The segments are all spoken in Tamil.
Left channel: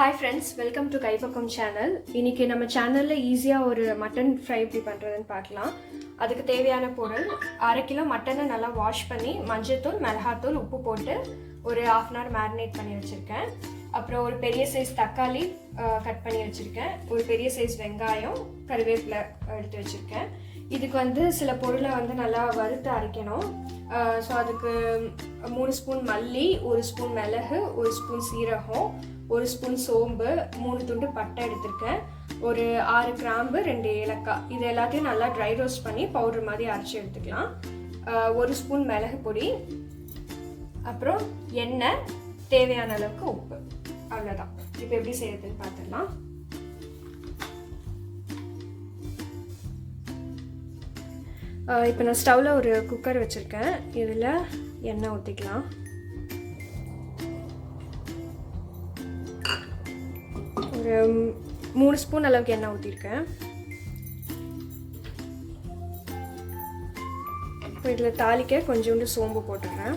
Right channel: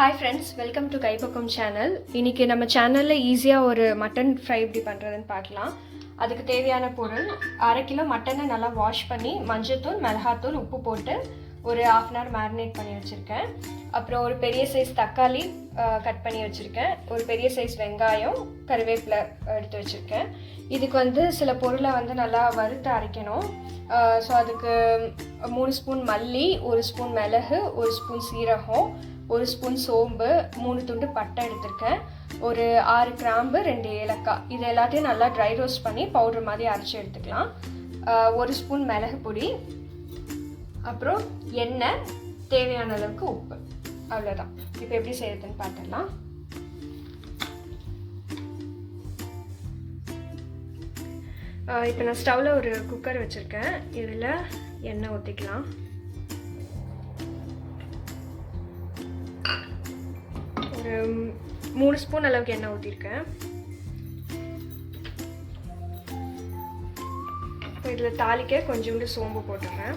Hi friends, welcome to Kaipakkam channel. இன்னைக்கு நம்ம சேனல்ல ஈஸியா ஒரு மட்டன் ஃப்ரை எப்படி பண்றதுன்னு பார்க்கலாம். அதுக்கு தேவையான பொருள் 1/2 கிலோ மட்டனை நல்லா வாஷ் பண்ணி மஞ்சள்தூள், மிளகாய்த்தூள், உப்பு போட்டு ஒரு 1/2 hour மேரினேட் பண்ணி வச்சிருக்கேன். அப்புறம் ஒரு பெரிய சைஸ் தக்காளி கட் பண்ணி வச்சிருக்கேன். ஒரு பெரிய சைஸ் வெங்காயம், கறிவேப்பிலை எடுத்து வச்சிருக்கேன். இதுக்கு சில பொருளை நல்லா வறுத்து அரைக்கணும். ஸோ அதுக்கு 3 ஸ்பூன் மல்லி, 1 ஸ்பூன் மிளகு, 1 ஸ்பூன் சீரகம், 1 ஸ்பூன் சோம்பு, 3 துண்டு பட்டை எடுத்திருக்கேன். ஒரு 6 கிராம்பு, 2 ஏலக்காய். இது எல்லாத்தையும் நல்லா ட்ரை ரோஸ்ட் பண்ணி பவுடர் மாதிரி அரைச்சி எடுத்துக்கலாம். 1 ஸ்பூன் மிளகு பொடி, அப்புறம் எண்ணெய், தேவையான அளவுக்கு உப்பு. அவ்வளோதான். இப்போ எப்படி செய்யறதுன்னு பார்த்துடலாம். இப்போ நான் ஸ்டவ்வில் ஒரு குக்கர் வச்சுருக்கேன். இதில் எண்ணெய் ஊற்றிக்கலாம். ஒரு 3 ஸ்பூன் அளவுக்கு எண்ணெய் ஊற்றிருக்கேன். இப்போ இதில் தாளிக்க கொஞ்சோண்டு சோம்பு போட்டுருக்கேன்.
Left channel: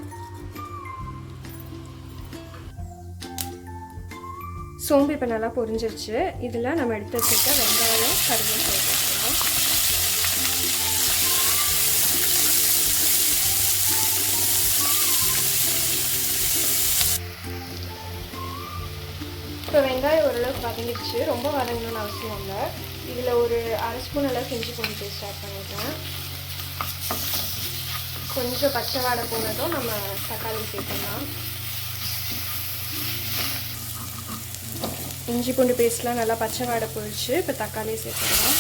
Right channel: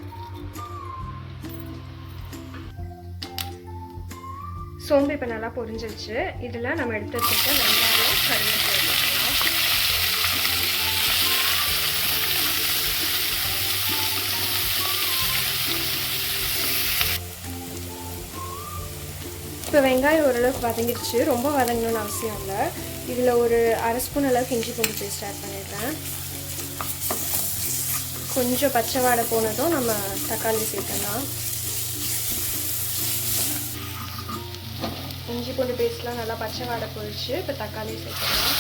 சோம்பு இப்போ நல்லா பொரிஞ்சிருச்சு. இதில் நம்ம எடுத்து வச்சுருக்க வெங்காயம், கருவேப்பிலை போட்டுக்கலாம். இப்போ வெங்காயம் ஓரளவுக்கு வதங்கிடுச்சு. ரொம்ப வதங்கணும்னு அவசியம் இல்லை. இதில் ஒரு 1/2 ஸ்பூன் அளவுக்கு இஞ்சி பூண்டு பேஸ்ட் ஆட் பண்ணிடுறேன். கொஞ்சம் பச்சை வாடை போனதும் நம்ம தக்காளி சேர்த்துக்கலாம். இஞ்சி பூண்டு பேஸ்ட்லாம் நல்லா பச்சை வாடை போயிடுச்சு. இப்போ தக்காளி சேர்த்துக்கலாம்.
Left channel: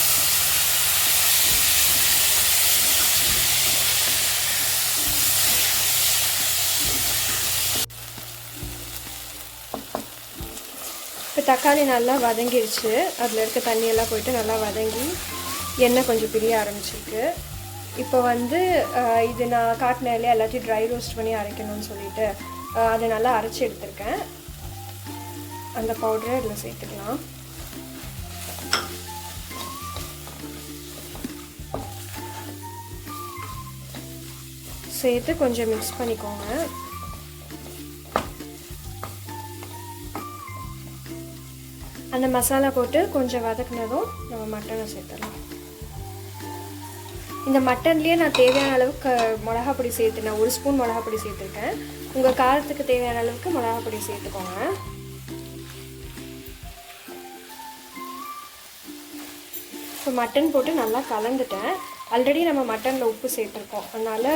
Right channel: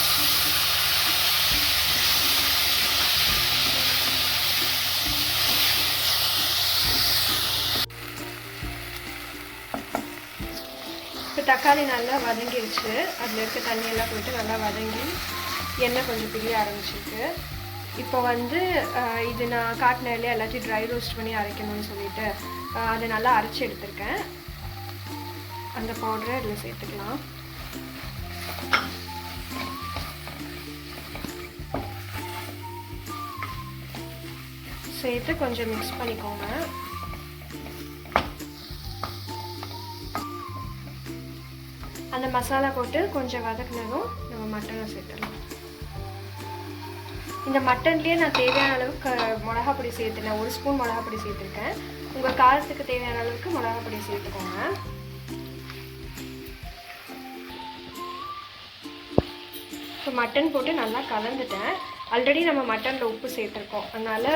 இப்போ தக்காளி நல்லா வதங்கிடுச்சு. அதில் இருக்க தண்ணியெல்லாம் போயிட்டு நல்லா வதங்கி எண்ணெய் கொஞ்சம் பிரிய ஆரம்பிச்சிருக்கு. இப்போ இது நான் காட்டினாலே எல்லாத்தையும் ட்ரை ரோஸ்ட் பண்ணி அரைக்கணும்னு சொல்லிட்டு அதை நல்லா அரைச்சி எடுத்திருக்கேன். அந்த பவுடரை இதில் சேர்த்துக்கலாம். சேர்த்து கொஞ்சம் மிக்ஸ் பண்ணிக்கோங்க. அந்த மசாலா போட்டு கொஞ்சம் வதக்கினதும் நம்ம மட்டனை சேர்த்துடலாம். இந்த மட்டன்லேயே நான் தேவையான அளவுக்கு மிளகா பொடி சேர்த்துனேன். 1 ஸ்பூன் மிளகா பொடி சேர்த்துருக்கேன். உங்கள் காரத்துக்கு தேவையான அளவுக்கு மிளகா பொடி சேர்த்துக்கோங்க. இப்போ மட்டன் போட்டு நல்லா கலந்துட்டேன். ஆல்ரெடி நம்ம மட்டனில் உப்பு சேர்த்துருக்கோம். அதனால்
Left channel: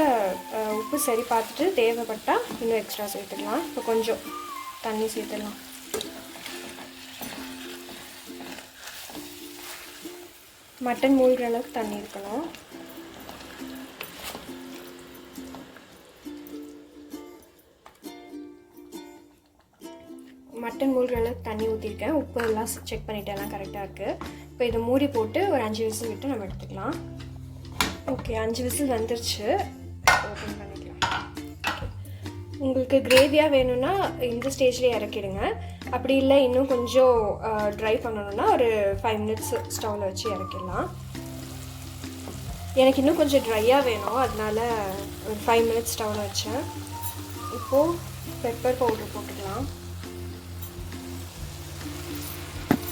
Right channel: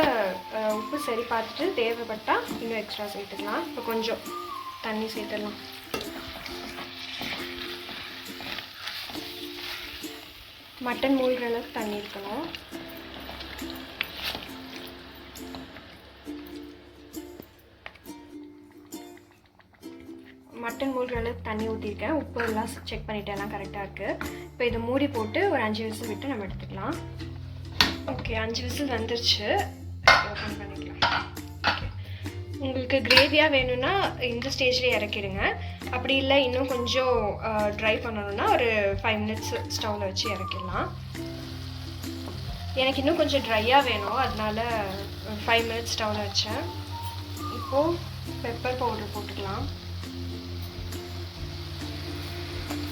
உப்பு சரி பார்த்துட்டு தேவைப்பட்டால் இன்னும் எக்ஸ்ட்ரா சேர்த்துக்கலாம். இப்போ கொஞ்சம் தண்ணி சேர்த்துடலாம். மட்டன் மூழ்கிற அளவுக்கு தண்ணி இருக்கணும். மட்டன் மூழ்கிற அளவுக்கு தண்ணி ஊற்றிருக்கேன். உப்பு எல்லாம் செக் பண்ணிவிட்டு எல்லாம் கரெக்டாக இருக்குது. இப்போ இதை மூடி போட்டு ஒரு 5 விசில் விட்டு நம்ம எடுத்துக்கலாம். ஓகே, 5 விசில் வந்துருச்சு. ஓப்பன் பண்ணிக்கலாம். ஓகே, உங்களுக்கு கிரேவியாக வேணும்னா இந்த ஸ்டேஜ்லேயே இறக்கிடுங்க. அப்படி இல்லை இன்னும் கொஞ்சம் ட்ரை பண்ணணும்னா ஒரு 5 மினிட்ஸ் ஸ்டவ்வில் வச்சு இறக்கிடலாம். எனக்கு இன்னும் கொஞ்சம் ட்ரையாக வேணும், அதனால ஒரு 5 மினிட்ஸ் ஸ்டவ்வில் வச்சேன். இப்போது பெப்பர் பவுடர் போட்டுக்கலாம்.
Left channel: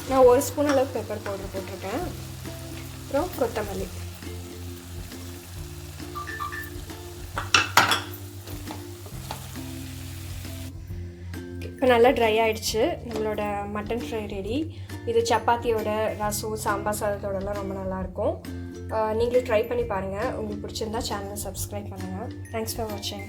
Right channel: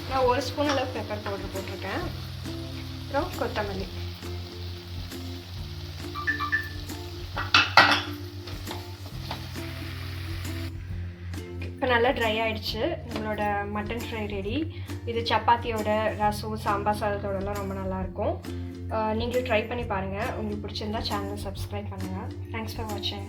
நான் 1 ஸ்பூன் அளவுக்கு பெப்பர் பவுடர் போட்டிருக்கேன். அப்புறம் கொத்தமல்லி. இப்போ நல்லா ட்ரை ஆகிடுச்சு. நம்மளோட மட்டன் ஃப்ரை ரெடி. இது சப்பாத்தியோட, ரசம், சாம்பார் சாதத்தோடலாம் ரொம்ப நல்லாயிருக்கும். நீங்களும் ட்ரை பண்ணி பாருங்கள். உங்களுக்கு பிடிச்சிருந்தா சேனலை சப்ஸ்கிரைப் பண்ணுங்கள். தேங்க்ஸ் ஃபார் வாட்சிங்.